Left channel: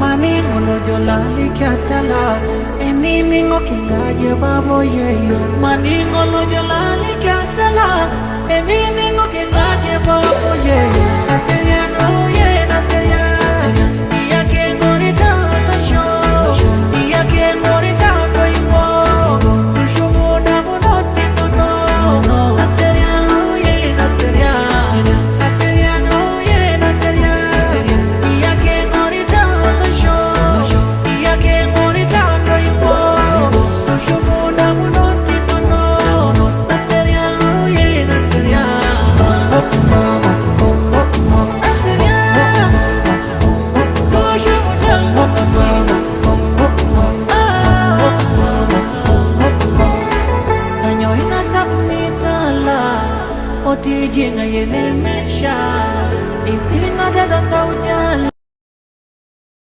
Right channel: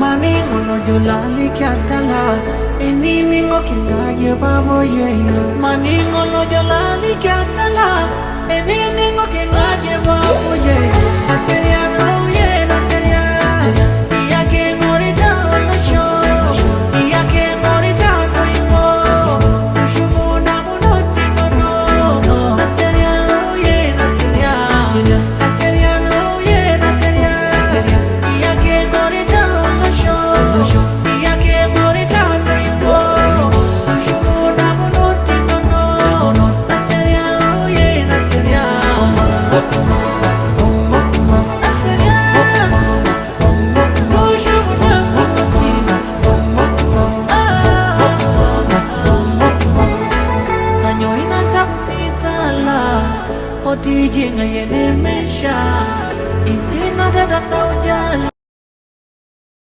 Maningo no jolali katala Eniningo kingaje babo yeyo Maningo no jolali katala Eniningo kingaje babo yeyo Naseriano ye naseria Iya ke ngorita ono show Iya ke ngorita no iwo Tushumu munoti no Naseriano ye naseria Naseriano ye naseria Iya ke ngorita ono show Iya ke ngorita no iwo Tushumu munoti no Naseriano ye naseria Kanyo inasapnitala Oti jinga yene mesha Isina dada na ujala